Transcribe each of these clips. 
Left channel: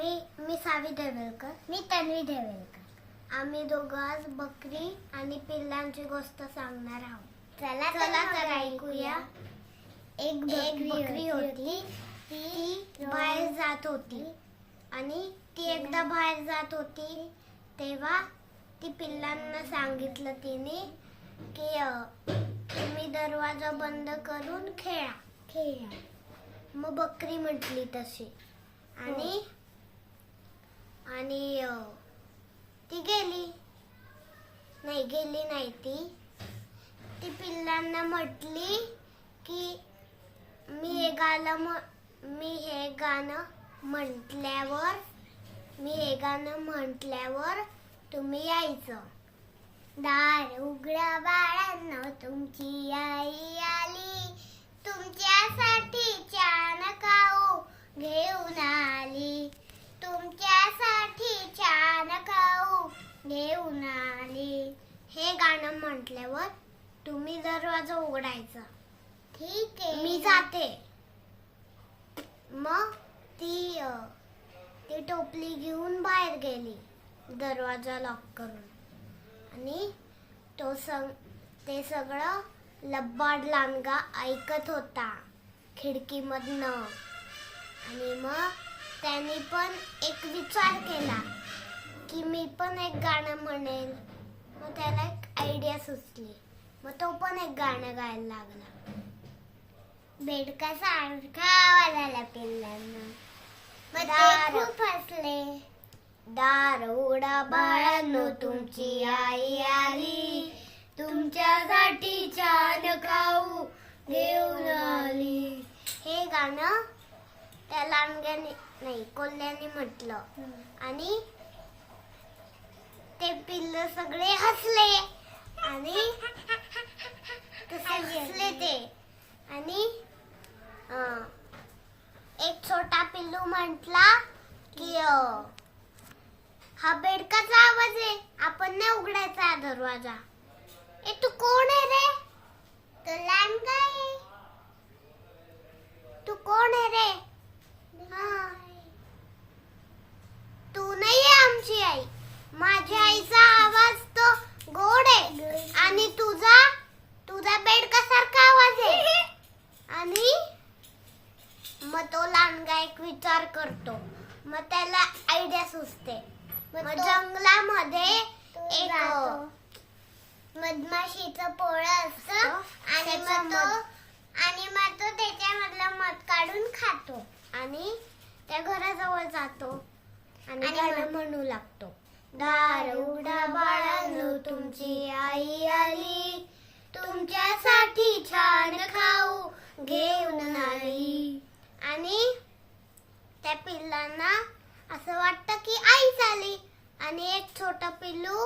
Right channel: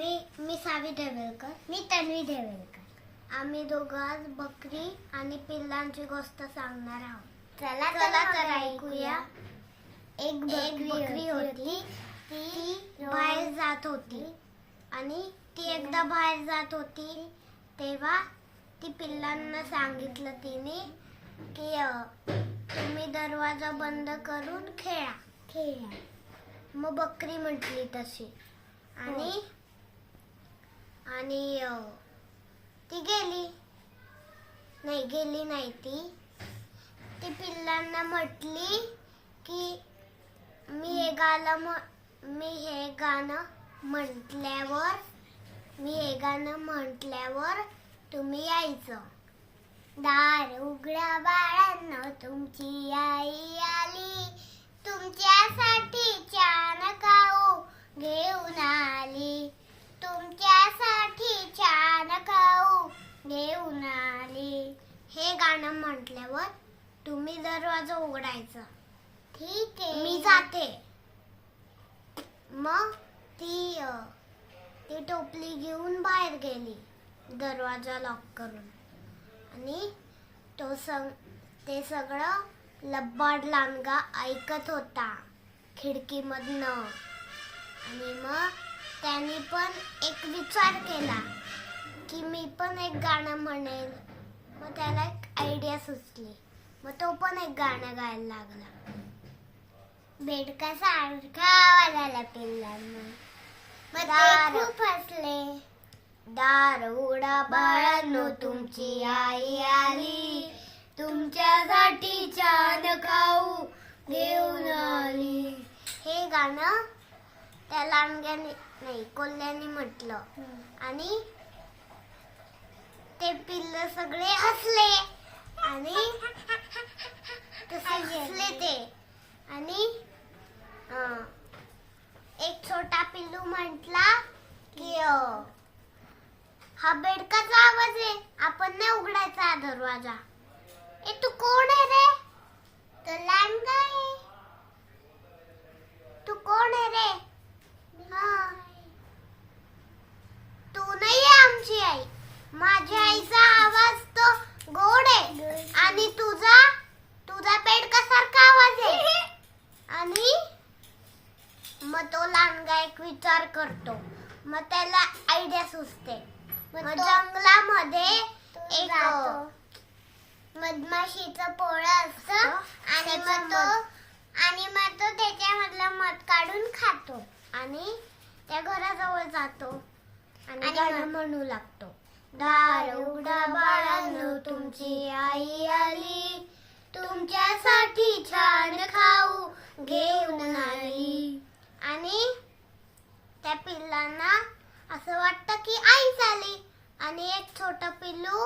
मी सावी ढेवेलकर. मी तन्वी ढेवेलकर. आम्ही दोघं आज बकरी आणि पिल्लांची गोष्ट सांगणार आहोत. चला तर ऐकूया. एक बकरी होती. ती बाहेर जात होती आणि ती एकदा बाहेर जात होती तेव्हा ती पिल्लांना सांगितलं तिने की तुम्ही दरवाजा बंद करून खेळा. मग बकरी म्हटली तशी आणि ती गेली नाही. ती पिल्लांना म्हटली की मी हे गाणं म्हटल्यावर तुम्ही यायचं. दार उघडा बाळांनो, तुमची आई आली. तुमच्यासाठी छान खाऊ घेऊन आली. हे गाणं म्हटल्यावर तुम्ही दरवाजा उघडायचा. ठीक आहे, मी जाते. मग ती टोपली घेऊन बाहेर गेली दरवाजा लॉक करून आणि ते सगळं लब्बाड लांडगा ऐकत होता खिडकीमधनं. आणि मग त्याने पण एक विचार केला की मी पण एक गाणं म्हणेल. मग त्याला एक आयडिया सुचली. मग तो पण एक गाणं गायला लागला. बेडका सारखा आवाज आला पिल्लांना. मग ते खूप हसले. दार उघडा बाळांनो, तुमची आई आली. तुमच्यासाठी छान खाऊ घेऊन आली. हे गाणं त्या लांडग्याने नाही कोल्ह्याने म्हटलं आणि ते पिल्ल सगळे हसले आणि आणि एक छोटा पिल्लू म्हटला की हा बेडकाचा आवाज आहे, आपण नाही उघडायचा दरवाजा. तू कोण आहे रे? तो लांडगा आहे. तू कोण आहे रे? तू नाही आमची आई. माझ्या आईचा आवाज तो गोड आहे आणि तुझा बेडकासारखा आवाज आहे. आणि मग तो लांडगा एक विचार करतो. मग त्याला आयडिया सुचते. मग जंगलामध्ये एक मधमाशीचं पोळं असतं आणि मग तो त्याच्यामधलं मध काढून खातो आणि त्या घराजवळ जातो आणि गाणं म्हणू लागतो. दार उघडा बाळांनो, तुमची आई आली. तुमच्यासाठी छान खाऊ घेऊन आली. आणि त्या पिल्लांना असं वाटतं की आई झाली. आणि एक छोटा पिल्लू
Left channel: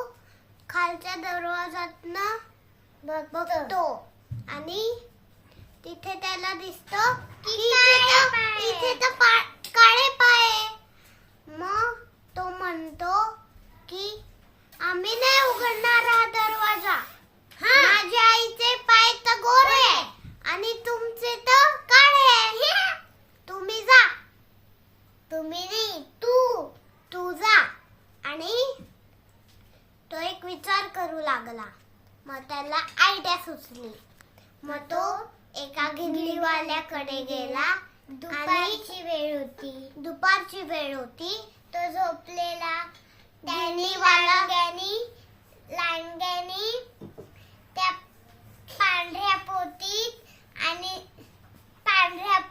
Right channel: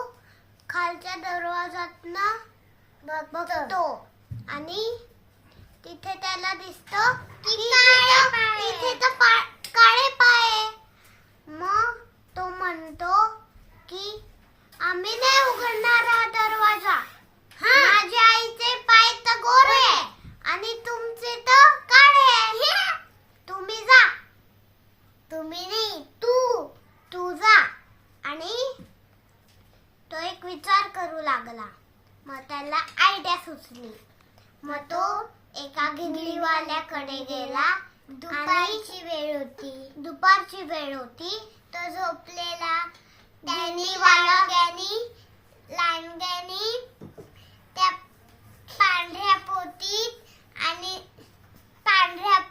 खालच्या दरवाजातनं बघतो आणि तिथे त्याला दिसतं की इथे तर काळे पाय. मग तो म्हणतो की आम्ही नाही उघडणार हा दरवाजा. माझ्या आईचे पाय तर गोरे आहे आणि तुमचे तर काळे आहे. तुम्ही जा. तुम्ही नाही, तू जा. आणि तो एक विचार करू लागला. मग त्याला आयडिया सुचली. मग तो एका गिरलीवाल्याकडे गेला. दुपारची वेळ होती. तो झोपलेला. त्यांनी लांडग्यानी त्या पांढऱ्या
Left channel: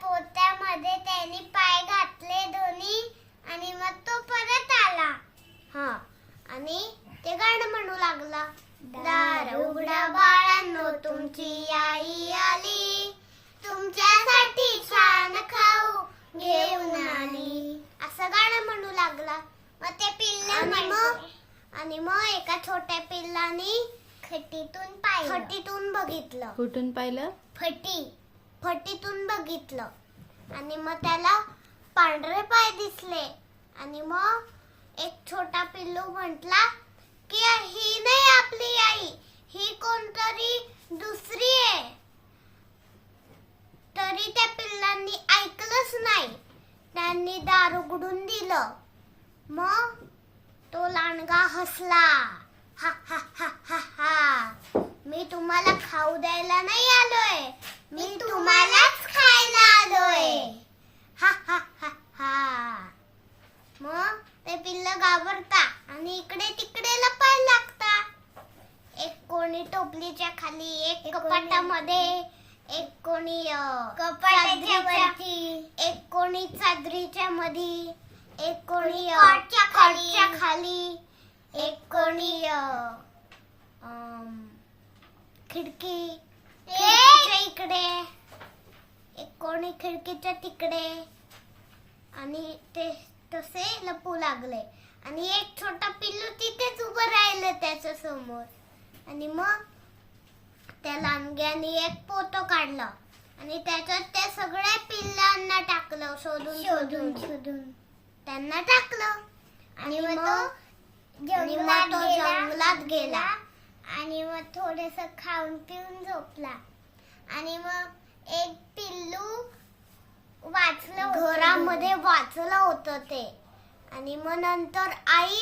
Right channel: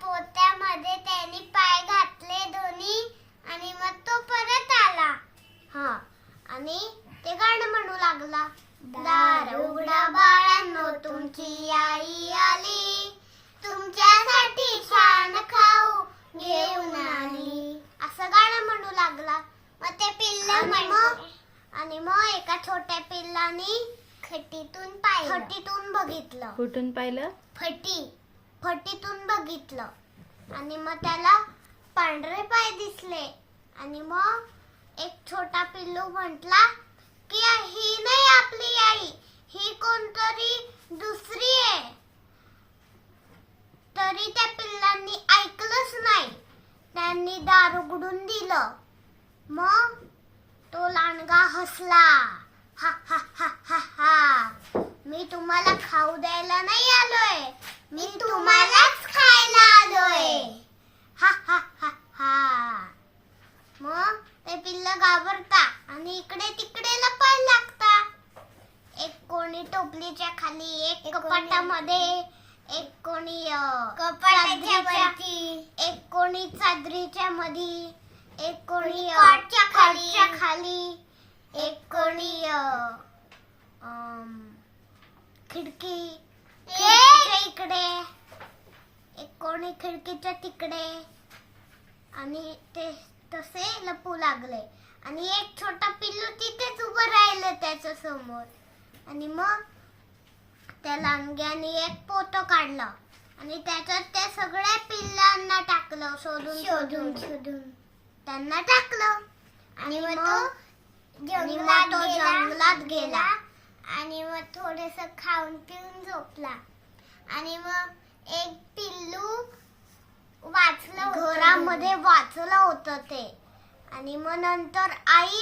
पोत्यामध्ये त्यांनी पाय घातले दोन्ही आणि मग तो परत आला. आणि ते गाणं म्हणू लागला. दार उघडा बाळांनो, तुमची आई आली. तुमच्यासाठी छान खाऊ घेऊन आली. असं गाणं म्हणू लागला. मग ते पिल्ल म्हणतो. आणि मग एका छोट्या पिल्लाने फटीतून बघितलं. कुठून पाहिलं? फटीतून बघितलं. आणि मग त्याला पांढरे पाय दिसले. आणि मग एक छोटा पिल्लू म्हटला की ही नाही आपली आई, ही कोणतरी दुसरी आहे. तरी त्या पिल्लांनी ऐकलंच नाही. त्यांनी दार उघडून दिलं मग तो लांडगा हसला. हा हा हा हा हा, मी तुम्हाला खाऊ द्यायला नाही आलोय, मी तुम्हालाच खायला आलोय. हा हा हा हा. मग ते पिल्ल घाबरता आणि इकडे तिकडे लपायला लागता. एक कोणी टोपलीच्या खाली, एक कपाटामध्ये, एक कोणी कपाटाच्या वरती, एक कोणी चादरीच्या मध्ये, एक कोणी खाटच्या खाली, एक कोणी खिडकीच्या इकडे, एक कोणी खिडकीच्या तिकडे, आणि ते तसे लपू लागले. आणि एक छोटा पिल्लू तिथेच उभं राहिलं त्याच्या समोर. आणि मग त्या लांडग्याने एक पोतं काढलं आणि त्याच्यात त्या सगळ्या पिल्लांना टाकलं. शोधून त्यांना टाकलं. आणि मग तो जंगलात गेला आणि मग थोडस खाऊन पिऊन झोपला. आणि मग एक पिल्लू वाचलं, घरामध्ये वाचलं होतं ते. आणि मग नंतर आई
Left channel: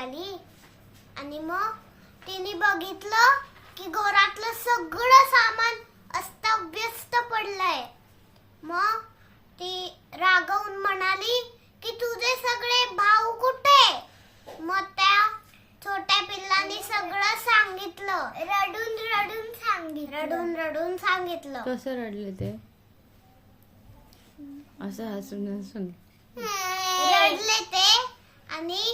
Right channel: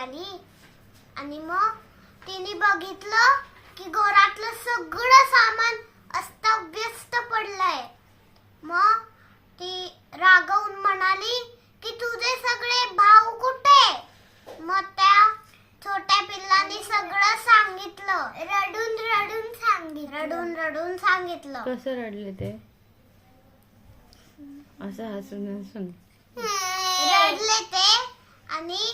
आली. आणि मग तिने बघितलं की घरातलं सगळं सामान अस्ताव्यस्त पडलंय. मग ती रागवून म्हणाली की तुझे सगळे भाऊ कुठे? मग त्या छोट्या पिल्लाने सगळं सांगितलं, रडून सांगितलं. कसं रडले ते? असं हसून रडले ते. आणि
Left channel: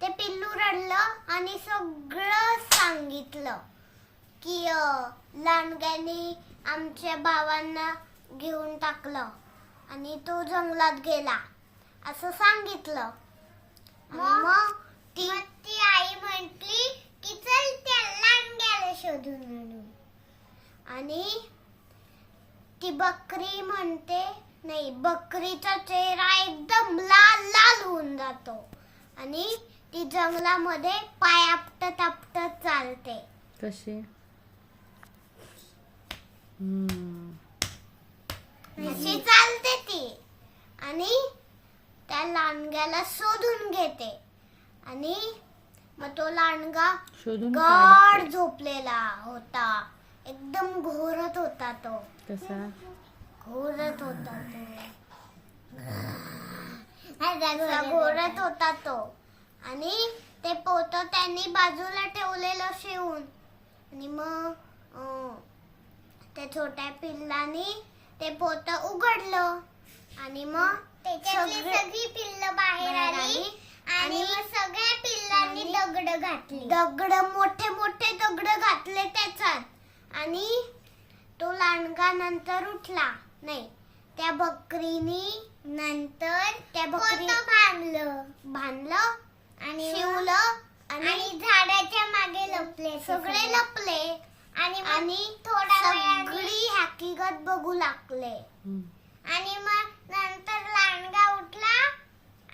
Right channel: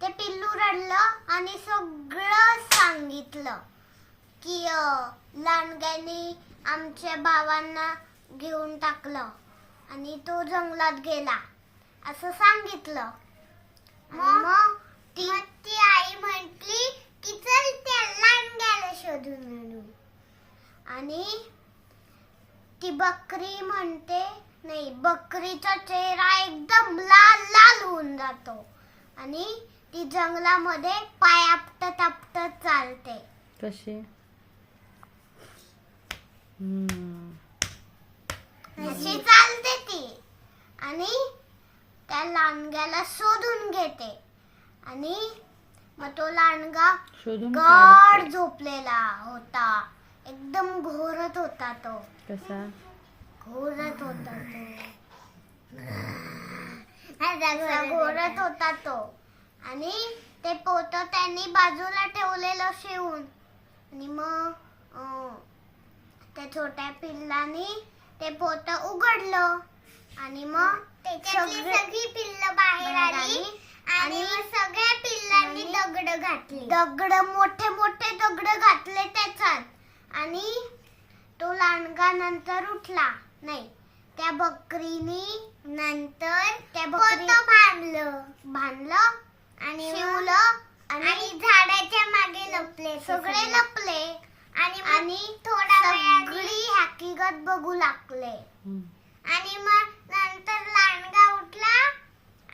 ते पिल्लू रडलं आणि सगळं सांगितलं की लांडग्याने आमच्या भावांना घेऊन टाकलं आणि तो जंगलात गेला असं सांगितलं. मग ती आई म्हटली की चल त्या लांडग्याला शोधून आणू. आणि ती बकरी म्हणते, नाही, बकरीचा चेहरा एकदम लाल होऊन जातो आणि ती जंगलामध्ये पाय आपटत चालते. कशी? अशी चालते ती. आणि त्या लांडग्याला शोधून घेते. आणि मग तो लांडगा शोधून गाढ झोपलेला होता. एकदम घोरत होता तो. कसा घोरत होता तो. आणि ते पोतं त्यांनी बाजूला ठेवलेलं शिवून. आणि मग त्या छोट्या पिल्लाने ते पोतं उघडलं. आणि मग त्याच्यातली सगळी पिल्लं बाहेर आली. आणि मग सगळ्या पिल्लांनी दगड मोठे दगड घातले त्याच्यात. आणि तो लांडगा नंतर उठला. नाही, त्या बकरीने नंतर बांधलं आणि शिवलं. आणि झाडाच्या मागे लपले, सगळे लपले. आणि थोडा वेळाने हकीकत बघू लागले. आणि मग नंतर लांडगा उठला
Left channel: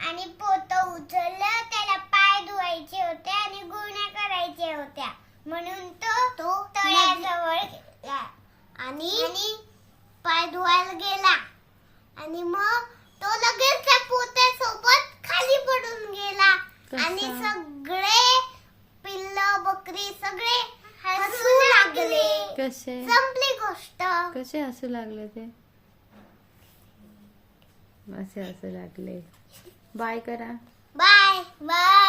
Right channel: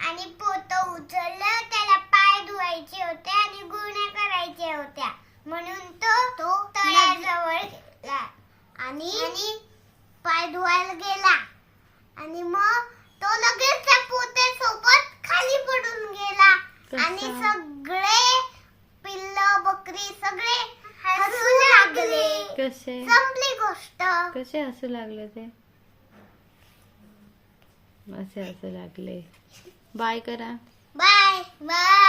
आणि पोतं उचललं. त्याला पाय धुवायचे होते आणि गुण्या करायच्या होत्या म्हणून तो तळ्याजवळ गेला आणि पाय धुवायला गेला. आणि मग तो लगेच त्या पोत्यासोबत खाली पडून गेला. आणि सगळे पिल्ल बकरी सगळे हसू लागले. कसे? संपली गोष्ट. कसे हसू लागले ते? असे हसू लागले. बाय करा. बाय.